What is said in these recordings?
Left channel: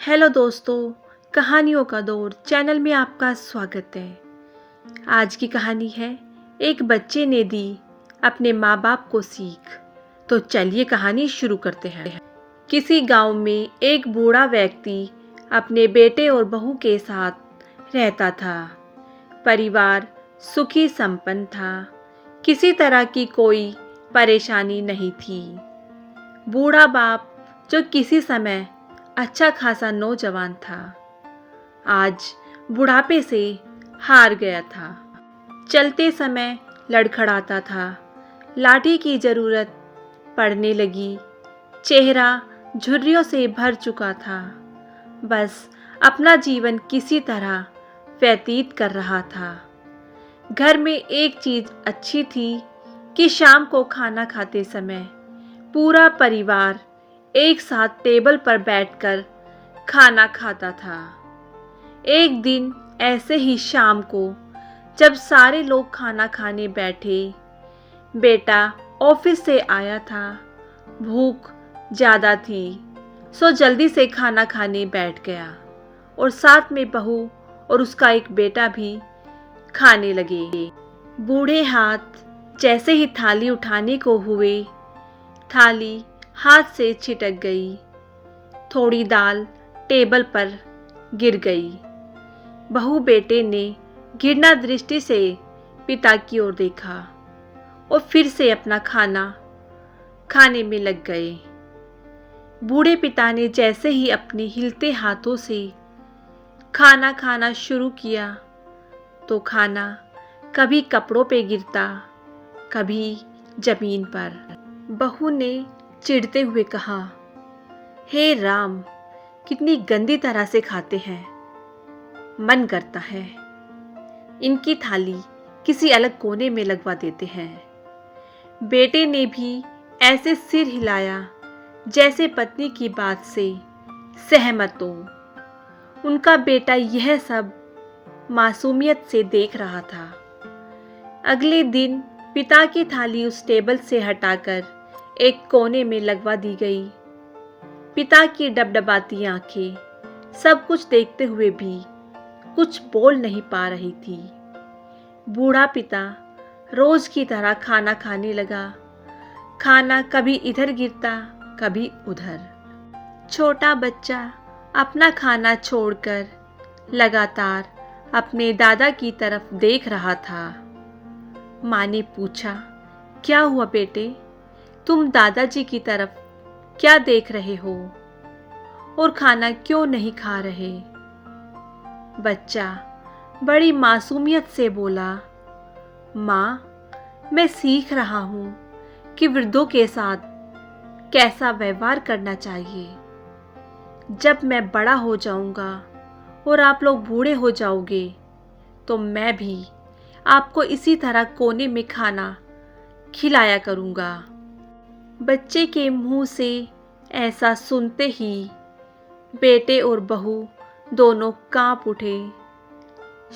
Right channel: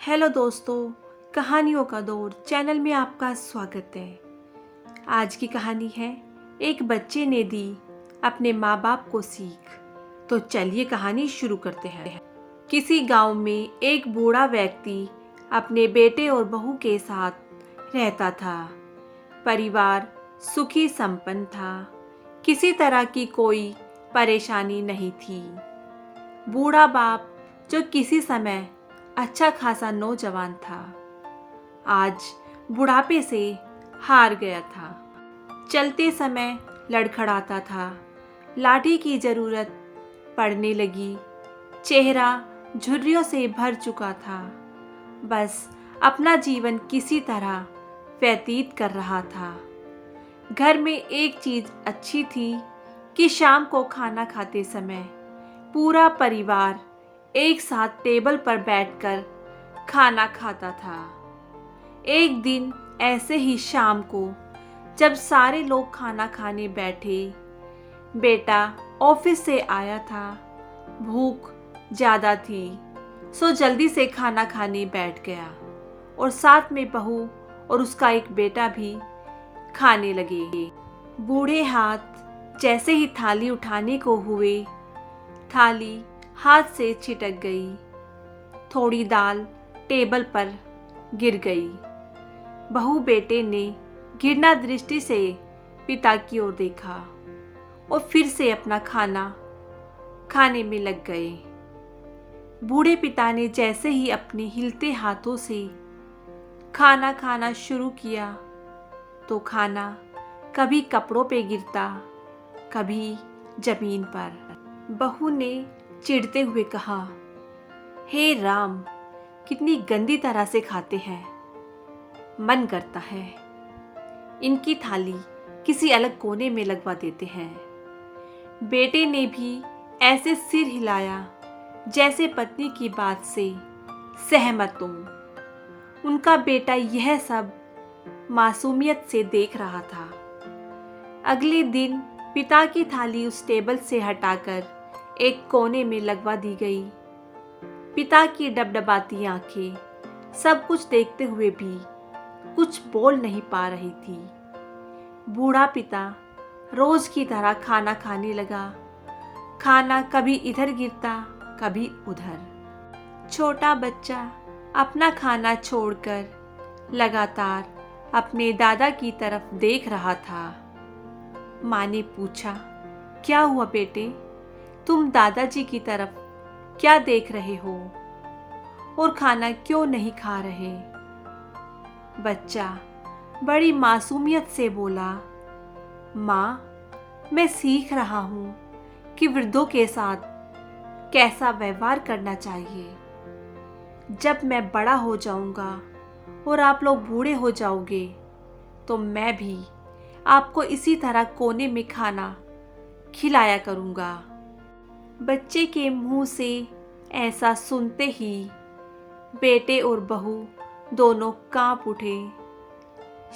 Hello दोस्तों, कहानियों का दौर चैनल में आपका स्वागत है। आज की कहानी है एक बच्चे ने दी अपने माँ बाप को सीख। तो चलिए कहानी शुरू करते हैं। किसी गांव में एक बूढ़ा व्यक्ति अपने बेटे और बहू के साथ रहता था। परिवार सुखी संपन्न था, किसी तरह की कोई परेशानी नहीं थी। बूढ़ा बाप जो किसी समय अच्छा खासा नौजवान था, आज बुढ़ापे से हार गया था। चलते समय लड़खड़ाता था, लाठी की ज़रूरत पड़ने लगी। चेहरा झुर्रियों से भर चुका था, बस अपना जीवन किसी तरह व्यतीत कर रहा था। घर में एक चीज़ अच्छी थी कि शाम को खाना खाते समय पूरा परिवार एक साथ टेबल पर बैठकर खाना खाता था। एक दिन ऐसे ही शाम को जब सारे लोग खाना खाने बैठे, बेटा ऑफिस से आया था। भूख ज़्यादा थी, सो जल्दी से खाना खाने बैठ गया और साथ में बहू और उसका एक बेटा भी खाने लगे। बूढ़े हाथ जैसे ही थाली उठाने को हुए, थाली हाथ से छिटक गई। थोड़ी दाल टेबल पर गिर गई। बहू बेटे ने घृणा दृष्टि से पिता की ओर देखा और फिर से अपना खाना खाने में लग गए। बूढ़े पिता ने जैसे ही अपने हिलते हाथों से खाना खाना शुरू किया तो खाना कभी कपड़ों पे गिरता, कभी जमीन पर। बहू ने चिढ़ते हुए कहा, हे राम, कितनी गंदी तरह से खाते हैं। मन करता है इनकी थाली किसी अलग कोने में लगवा देते हैं। बेटे ने भी ऐसे सिर हिलाया जैसे पत्नी की बात से सहमत हो। उनका बेटा यह सब मासूमियत से देख रहा था। अगले दिन पिता की थाली उस टेबल से हटाकर एक कोने में लगवा दी गई। पिता की डबडबाती आंखें सब कुछ देखते हुए भी कुछ बोल नहीं पा रही थी। बूढ़ा पिता रोज की तरह खाना खाने लगा। खाना कभी इधर गिरता, कभी उधर। छोटा बच्चा अपना खाना छोड़कर लगातार अपने दादा की तरफ देख रहा था। माँ ने पूछा, क्या हुआ बेटे, तुम दादाजी की तरफ क्या देख रहे हो और खाना क्यों नहीं खा रहे? बच्चा बड़ी मासूमियत से बोला, माँ, मैं सीख रहा हूँ कि वृद्धों के साथ कैसा व्यवहार करना चाहिए। जब मैं बड़ा हो जाऊँगा और आप लोग बूढ़े हो जाओगे तो मैं भी आपको इसी तरह कोने में खाना खिलाया करूँगा। बच्चे के मुंह से ऐसा सुनते ही बेटे और बहू दोनों कांप उठे।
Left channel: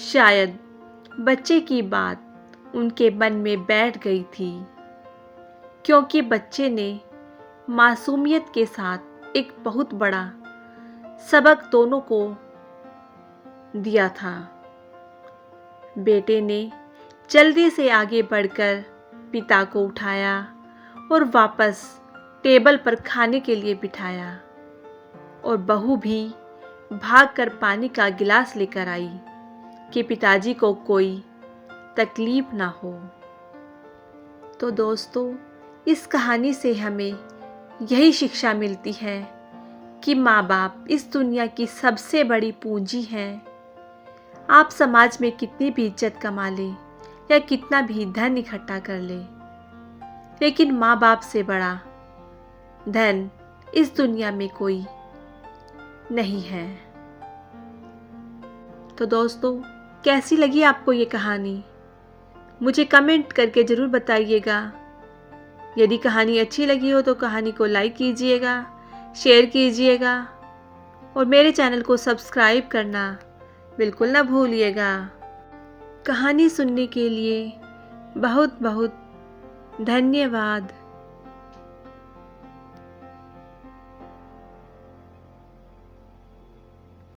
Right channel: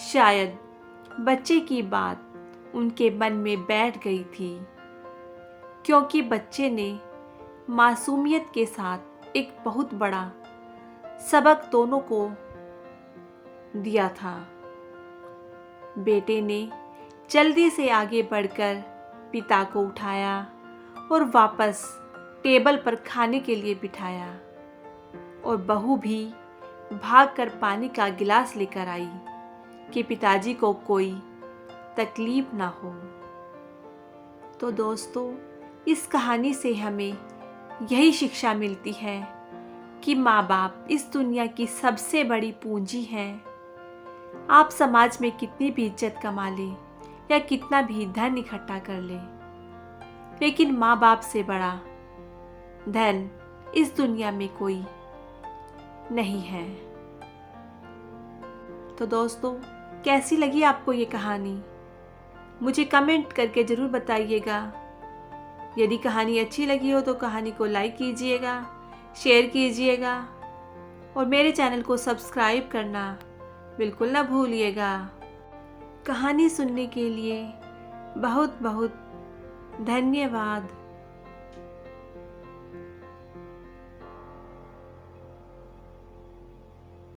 शायद बच्चे की बात उनके मन में बैठ गई थी, क्योंकि बच्चे ने मासूमियत के साथ एक बहुत बड़ा सबक दोनों को दिया था। बेटे ने जल्दी से आगे बढ़कर पिता को उठाया और वापस टेबल पर खाने के लिए बिठाया और बहू भी भागकर पानी का गिलास लेकर आई कि पिताजी को कोई तकलीफ ना हो। तो दोस्तों, इस कहानी से हमें यही शिक्षा मिलती है कि माँ बाप इस दुनिया की सबसे बड़ी पूंजी हैं। आप समाज में कितनी भी इज्जत कमा लें या कितना भी धन इकट्ठा कर लें, लेकिन माँ बाप से बड़ा धन इस दुनिया में कोई नहीं है। तो दोस्तों, कैसी लगी आपको ये कहानी? मुझे कमेंट करके ज़रूर बताइएगा। यदि कहानी अच्छी लगी हो तो कहानी को लाइक कीजिएगा, शेयर कीजिएगा और मेरे चैनल को सब्सक्राइब करना बिल्कुल ना भूलिएगा। कहानी सुनने के लिए बहुत बहुत धन्यवाद।